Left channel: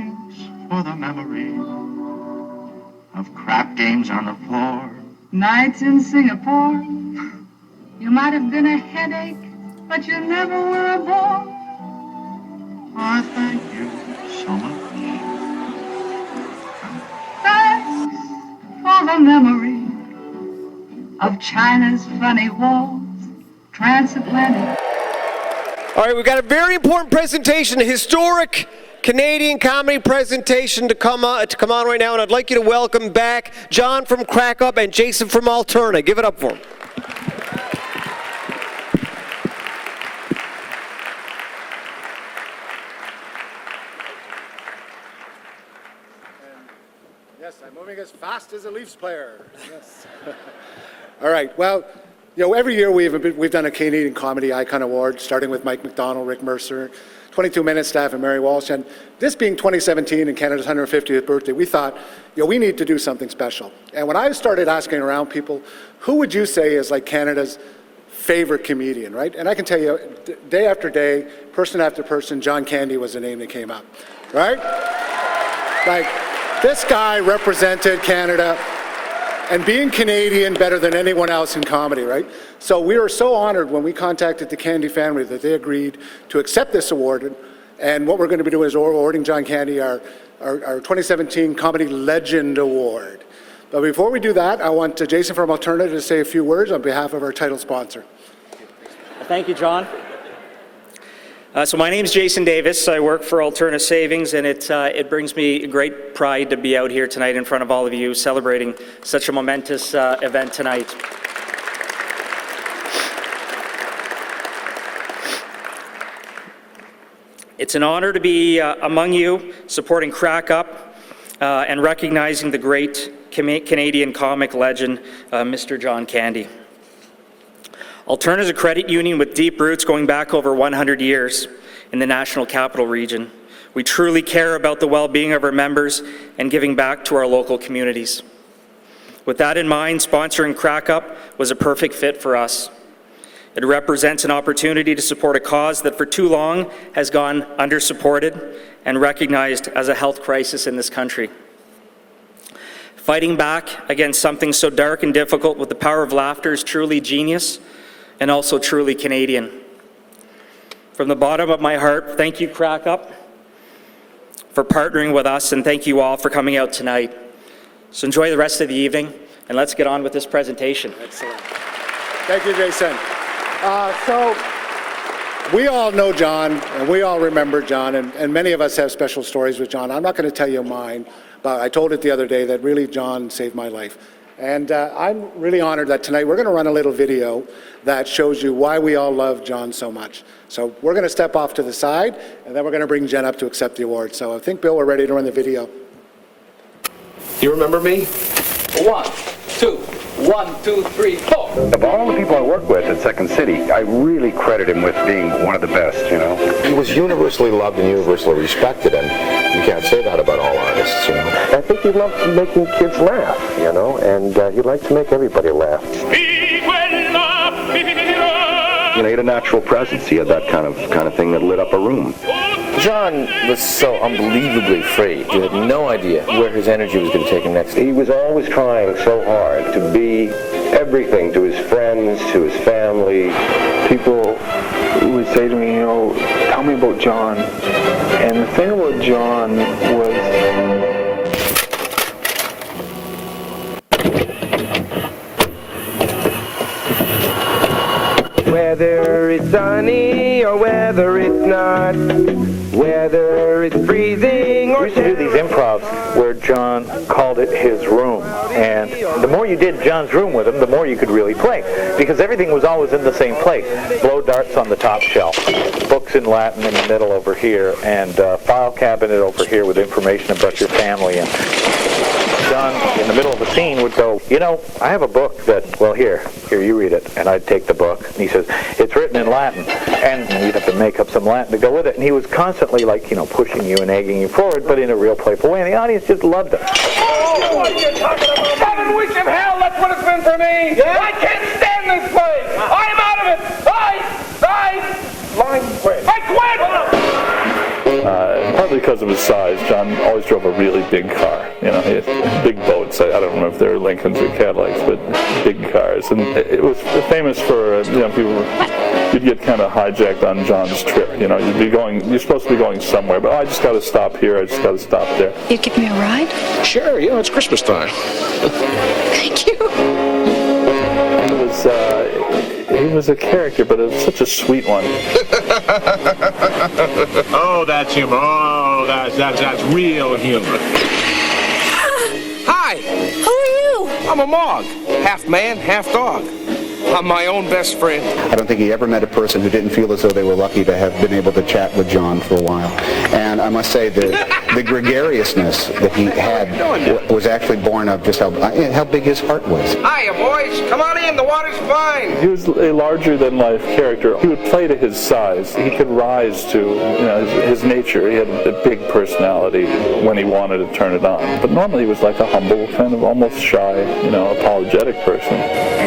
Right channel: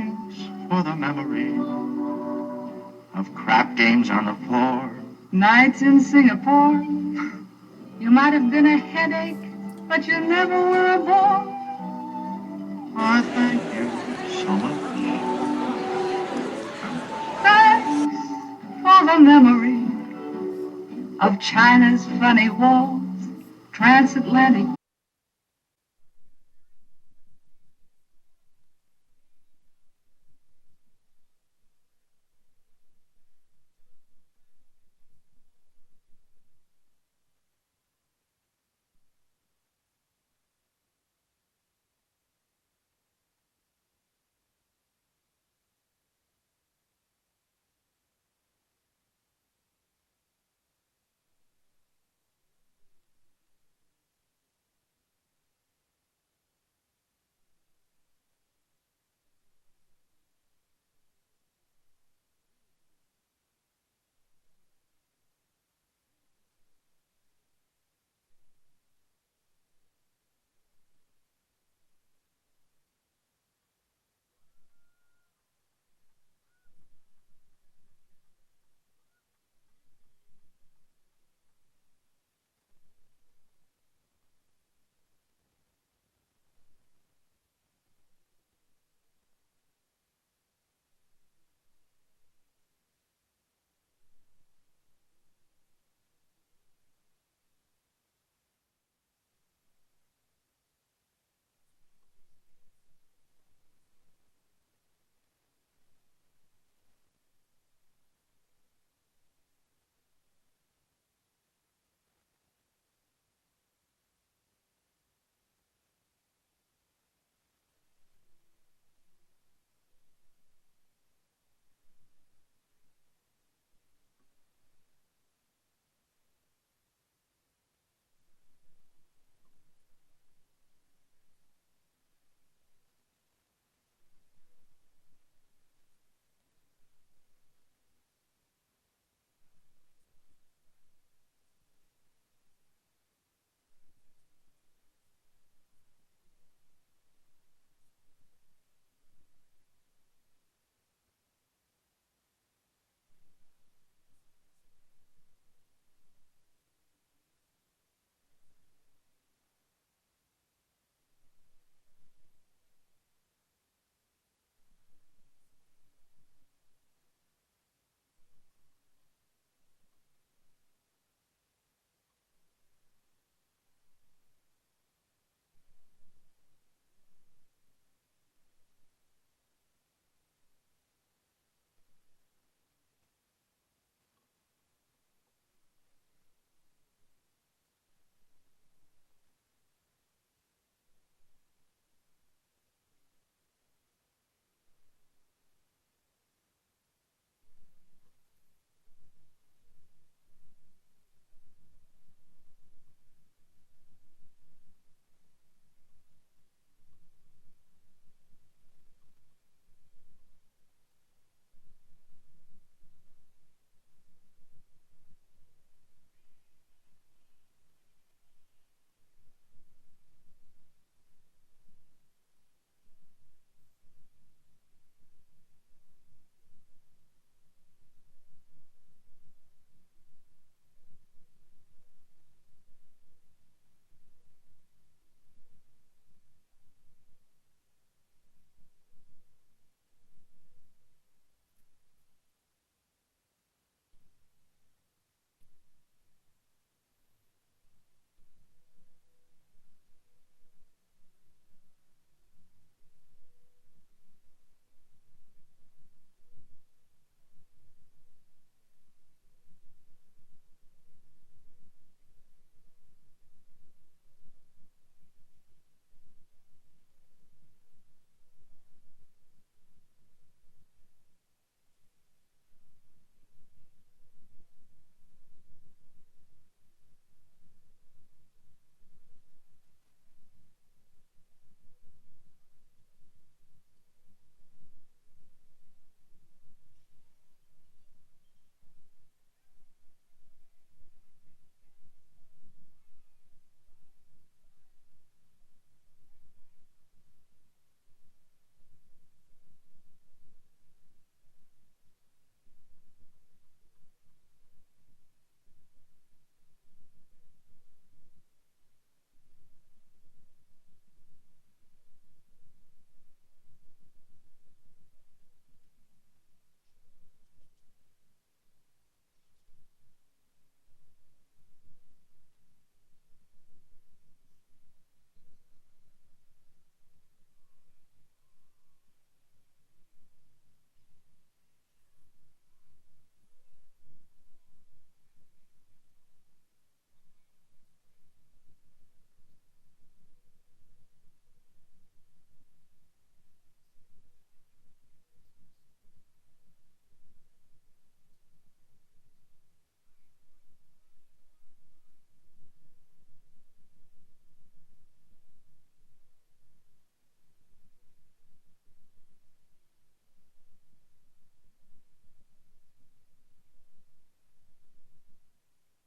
thanks for the memory of crap games on the floor. Nights in Singapore. You might have been a headache, but you never were a bore. Oh, thank you so much. Thanks for the memory of China's funny walls, transatlantic. All right, we've got a very important presentation, a historic Canadian comedy presentation to come on right now, and I'd like you to welcome back John from Crack Up and Jason from Alterna. Give it up for them. Yes, I'm moving as fast as a Leafs player. Yes. All right, well, you know, every year we've done a Canadian Comedy Icon Award, starting with Mike McDonald, Rick Mercer, 22 Minute staff, and Mary Walsh. And this being 2017 and Canada's 150th birthday, we thought, you know, we need to do something special. And when I started asking around people, who would you say is like Canada's favorite comedian, right? And I can tell you, day after day, person after person, John Candy was the name that came up, right? Like, this guy represented Canada and being Canadian better than anyone else in comedy, right? So we were so honored when we contacted the Candy family that they agreed to accept this award. And what we're going to be doing is awarding John Candy our 2017 Comedy Legend Award. But before we do that, I want Jason from Alterna to say a few words on behalf of our title sponsor. Thank you, John. So my name is Jason Davis. I work for Alterna Savings, and it brings me great pride to be out here tonight in front of all of you celebrating such a momentous event tonight. It's an honor to be among you, supporting Crack Up and recognizing the great Canadian comic legend, Mr. John Candy. Alterna is a credit union with deep roots going back over 100 years in the National Capital Region. We truly care about the well-being of our members and giving back to our local communities. With that in mind, sponsoring Crack Up was a perfect fit for us. It represents an opportunity to support a cause that for too long has gone under-supported and recognized as a health crisis in this country. Fighting back against something so dark and difficult with the power of laughter is truly genius and also truly Canadian. From the bottom of my heart, thank you, Crack Up, for partnering with us, and thank you all for coming out tonight. So enjoy the rest of the evening, and let's get on with this presentation. Excellent. Thank you, Jason. So we all know John, and we all remember John, and many of us have special stories with John. I'm not going to tell you mine, but I told it the other day that really John saved my life. And I'm really honored that tonight we're going to run a little video that shows you why we all love John so much. So we're going to step off to the side, and then we're going to bring Jen up to accept the award. So I think, Bill, we're ready to run the video. Do you remember me? 1, 2, 1, 2, 3, 4. Of all the people I work with at Second City, I really credit him with being one of the best, you know. He was universally loved and universally respected, and you can't say that about all artists, you know. I think he loved making kids laugh, you know, and he liked to make everybody laugh. You know, he had a natural presence. He had that kind of thing that lit up a room. John was so unbelievably free. You had no idea where his energy was going to take him next. He was always trying so hard to be everything to his friends, to his family. People would say to me, you know, tell me about John. And the thing about John was whether it's sunny or whether it's not, whether it's freezing or... We used to do these improvs where John called it his room. And the more you did John's room with him, the more you could really play. Because everything was always in the same place. Blow darts on the top shelf, books in Latin in the middle over here, and file cabinet over here with information about your family. And John, in the middle of the scene, would go, you know, I have a book that, well, here, you read it. And I'd take the book, and he says, it's written in Latin. And you'd have to make up some Latin to go with it. And he was constantly, like, you know, pushing you and egging you forward, but in a real playful way. And the audience just loved it. Oh, what are you talking about? 7 weeks of hell, that's what it's been for me. Yeah? I can't stand this place. I'm out of it. I quit. Partly because of his size. John always drove a really big car. He had big boats. I don't know if they were Lincolns or Cadillacs, but big cars. And it was famous for, you'd get kind of hijacked on John's trip. You're supposed to be going somewhere, but I just got to stop here. I just got to stop there. You'd give me a ride? Sure, it's Christmas time. Thank you. He was a character, but it was such a sweet one. Oh, that's humor. Oh, that's real humor. Hi. Who are you? I'm a Mog. Half man, half dog. I'm my own best friend. I don't think he ever met a person who didn't feel as though they were lucky to have been able to chat with John for a while. And I must say the gregariousness that he had was actually born of just how big his heart was. Hiya, boys. Come on in. The water's fine. He was a larger-than-life character. He would play to his size. He could rise to his nature. He had a big personality when he wanted to turn it on. But normally he was like a humble, kind of almost shy, apologetic person.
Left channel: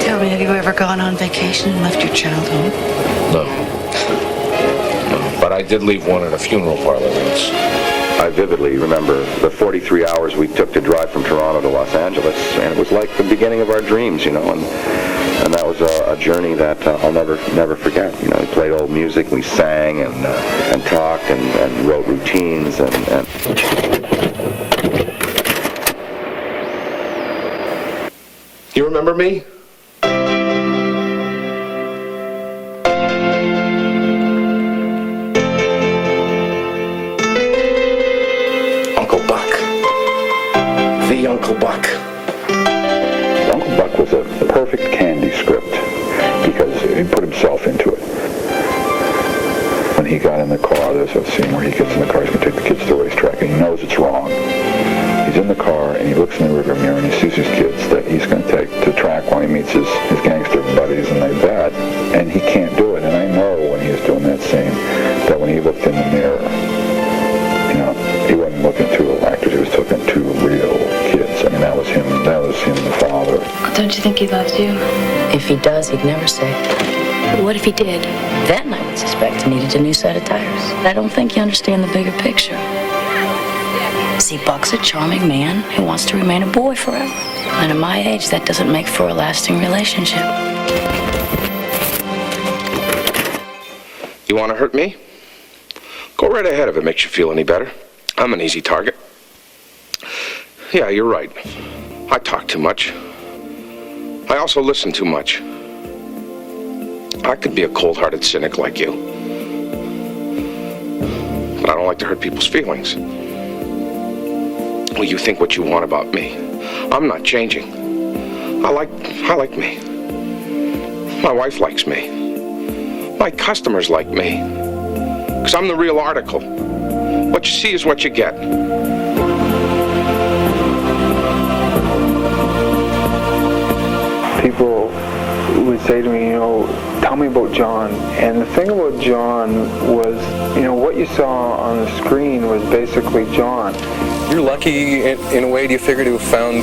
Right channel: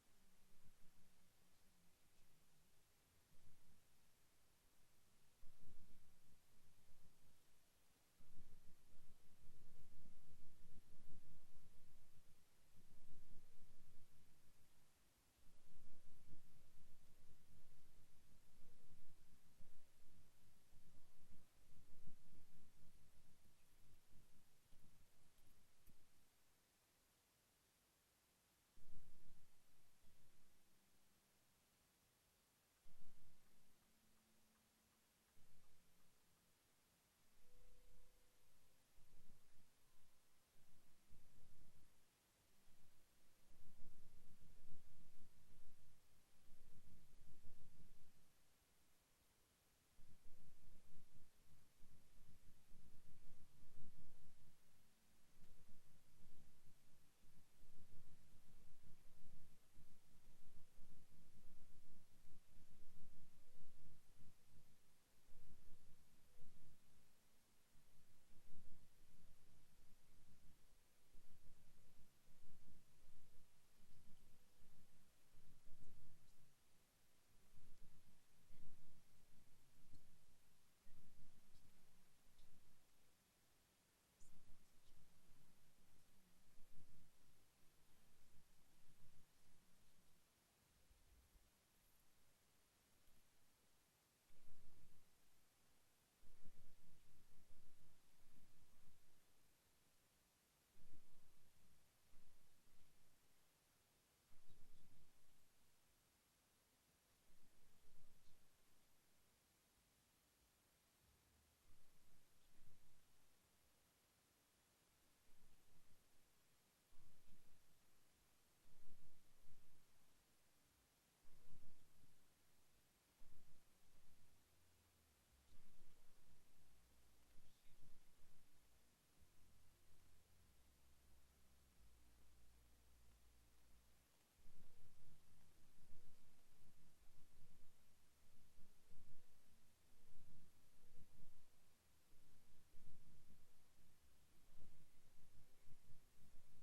Tell me, have you ever gone on vacation and left your child home? No. But I did leave one at a funeral parlor once. I vividly remember the 43 hours we took to drive from Toronto to Los Angeles, and it was like the beginning of our dreams, and that was a journey that I'll never forget. We played old music, we sang and talked and wrote routines and You remember me? Uncle Buck. The Uncle Buck. Uncle Buck was a perfect Candy script because he put himself into it. When he got in the car, there's a scene where he gets in the car, he's going to take the kids to the racetrack, and he knows it's wrong. He's in the car, and he looks in the rearview mirror, and he sees his kids that he's going to take to the track while he meets his gangster buddies, and they bet, and he can't do it. And I know when he was doing that scene that when he looked in the mirror, he wasn't looking to actors, he was looking to real kids. I mean, that was him, the father. Don't you think he loves you? If he does, he'd never say. But what if he did? Then I would suspect he needed a new set of tires. I don't think you understand the bigger picture. See, Buck's a charming man who wants to remain a boy forever. And at my age, that doesn't make for a lasting relationship. You want to hurt me? Go right ahead if it makes you feel any better. I'm an easy target. Yeah, you're right. I talk too much. I also listen too much. I could be a cold-hearted cynic like you. But I don't like to hurt people's feelings. Well, you think what you want about me. I'm not changing. I like me. My wife likes me. My customers like me. Because I'm the real article. What you see is what you get. People would say to me, tell me about John. And the thing about John was, what you saw on the screen was basically John. You're lucky in a way. Do you figure to have found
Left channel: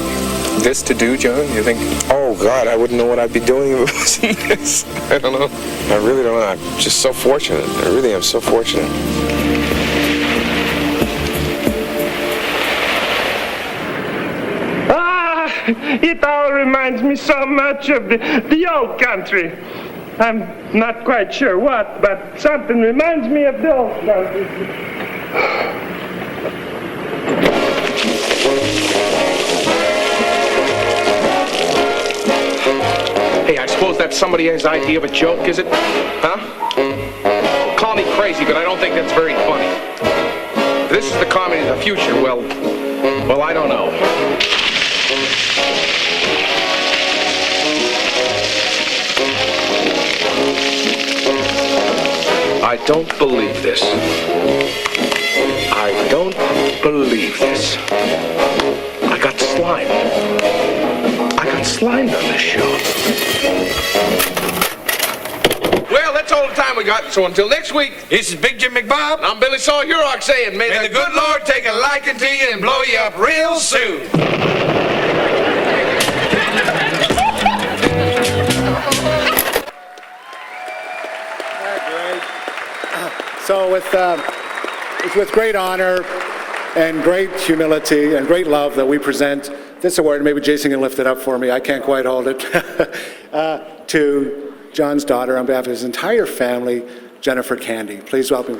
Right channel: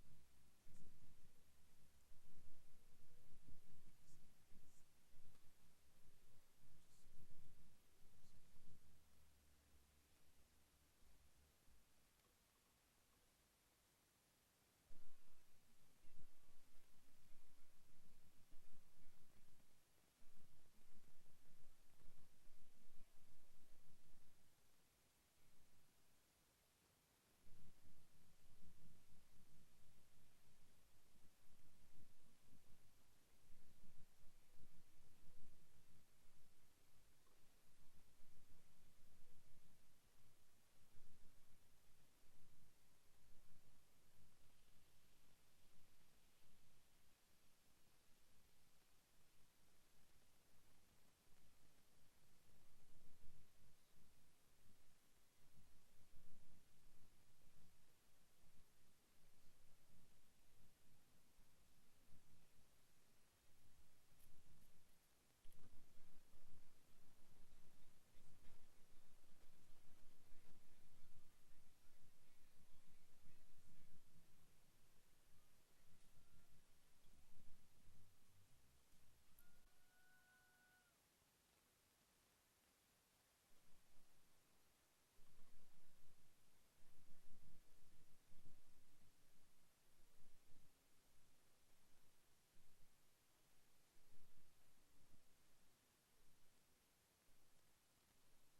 this to do, John? You think, oh God, I wouldn't know what I'd be doing if it wasn't this. I don't know. I really don't know. I'm just so fortunate. I really am so fortunate. It all reminds me so much of the old country. I'm not quite sure what, but something reminds me of the old country. Hey, I suppose that's somebody's idea of a joke, is it? Huh? Call me crazy, but I don't think that's very funny. If this is the comedy of the future, well, I don't know. I don't believe this. I don't believe this. I got slimed. I got slimed on this show. Well, that's all the time we got, so until next week, this is Big Jim McBob. I'm Billy Saw Hurock saying, may the good Lord take a liking to you and blow you up real soon. So with It's with great honor and great humility and great love that we present this award. Maybe Jason can lift it up for me. I can't quite hold it. To John's daughter, on behalf of his entire family, Jennifer Candy. Please welcome.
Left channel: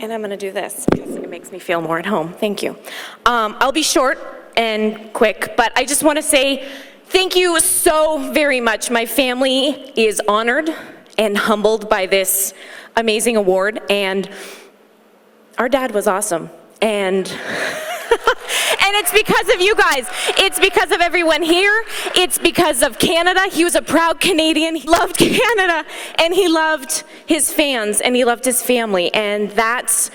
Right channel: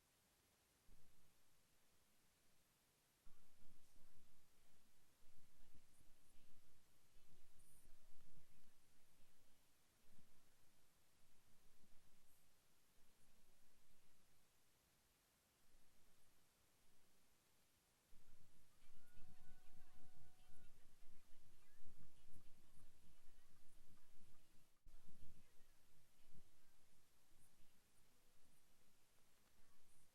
And I'm going to do this because it makes me feel more at home. Thank you. I'll be short and quick, but I just want to say thank you so very much. My family is honored and humbled by this amazing award, and our dad was awesome. And and it's because of you guys. It's because of everyone here. It's because of Canada. He was a proud Canadian. He loved Canada, and he loved his fans, and he loved his family, and that's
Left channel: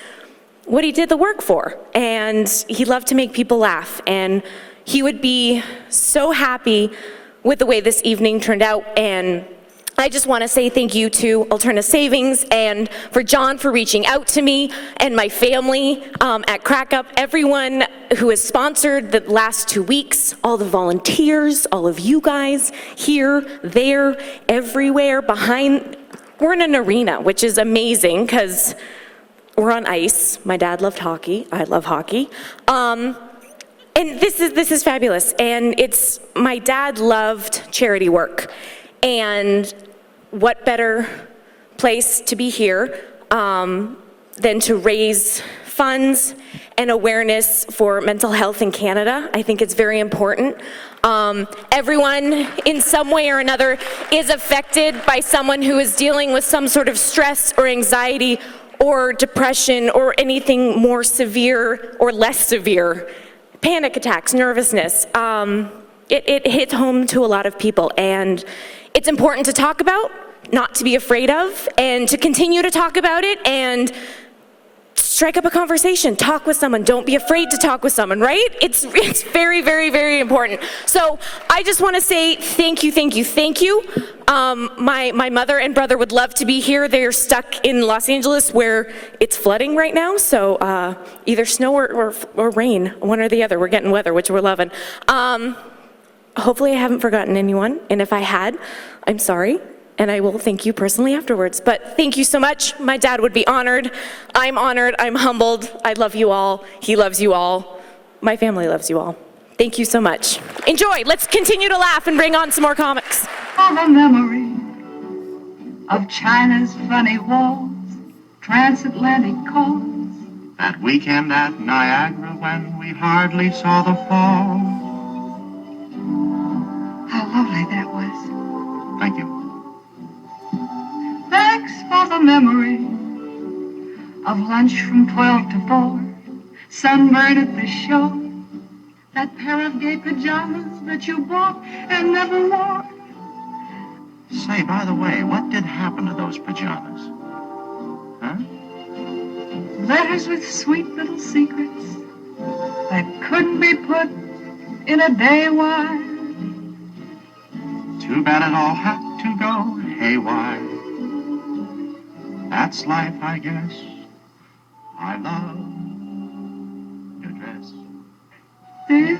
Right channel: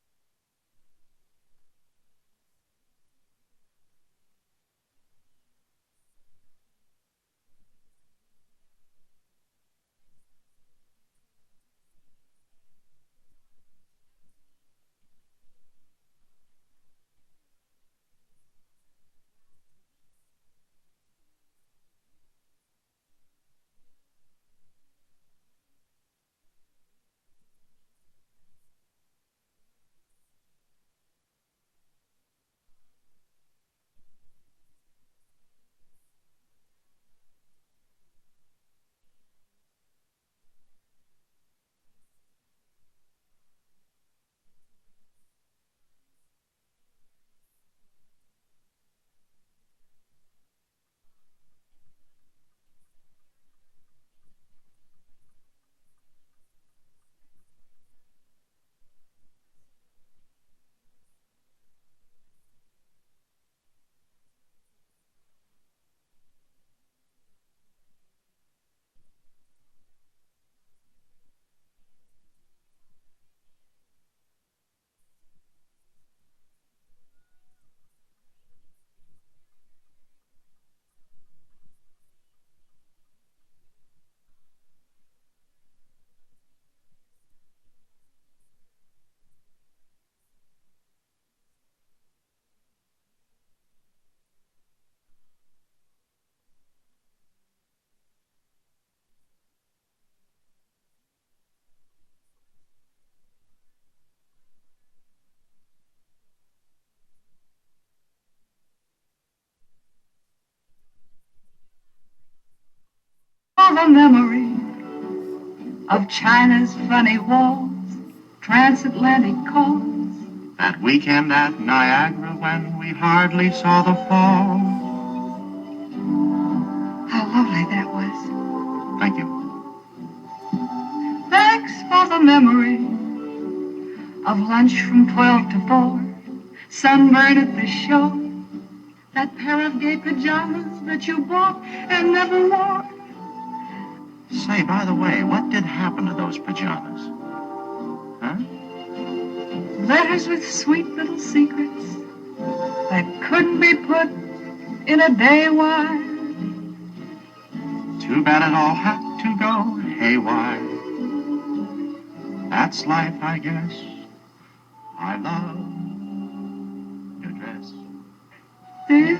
what he did the work for. And he loved to make people laugh, and he would be so happy with the way this evening turned out. And I just want to say thank you to Alterna Savings and for John for reaching out to me and my family at Crack Up, everyone who has sponsored the last 2 weeks, all the volunteers, all of you guys here, there, everywhere, behind. We're in an arena, which is amazing because we're on ice. My dad loved hockey. I love hockey. And this is fabulous. And my dad loved charity work. And what better place to be here than to raise funds and awareness for mental health in Canada. I think it's very important. Everyone in some way or another is affected by someone who is dealing with some sort of stress or anxiety or depression or anything more severe or less severe. Panic attacks, nervousness. It hits home to a lot of people, and it's important to talk about, not to be afraid of, and to continue to talk about it and strike up a conversation. Talk with someone. Don't be afraid to talk with someone, right? It's very, very, very important. So I just want to say thank you, thank you, thank you. My mother and brother would love to be here. They're stuck in Los Angeles where it's flooding right now, so either snow or rain, one or the other. We're getting weather, which we're loving. Hopefully I haven't forgotten anyone, and if I had, I'm sorry, and I will thank you personally afterwards. But thank you so much. My dad would be honored. I'm humbled. I love you all. He loves you all. My family loves you all. Thank you so much. Enjoy. Let's continue to laugh and bring on some more comics. Of a memory of China's funny walls, transatlantic calls. That weekend at Niagara when we hardly saw the falls. How lovely that was. Thank you. Thanks for the memory of lunch from 12 to 4, sunburn at the show, that pair of gay pajamas that you bought and never wore. Say, by the way, what did happen to those pajamas? Huh? Letters with sweet little secrets that couldn't be put in a day wide. Too bad it all had to go haywire. That's life, I guess. I love your dress. Do you?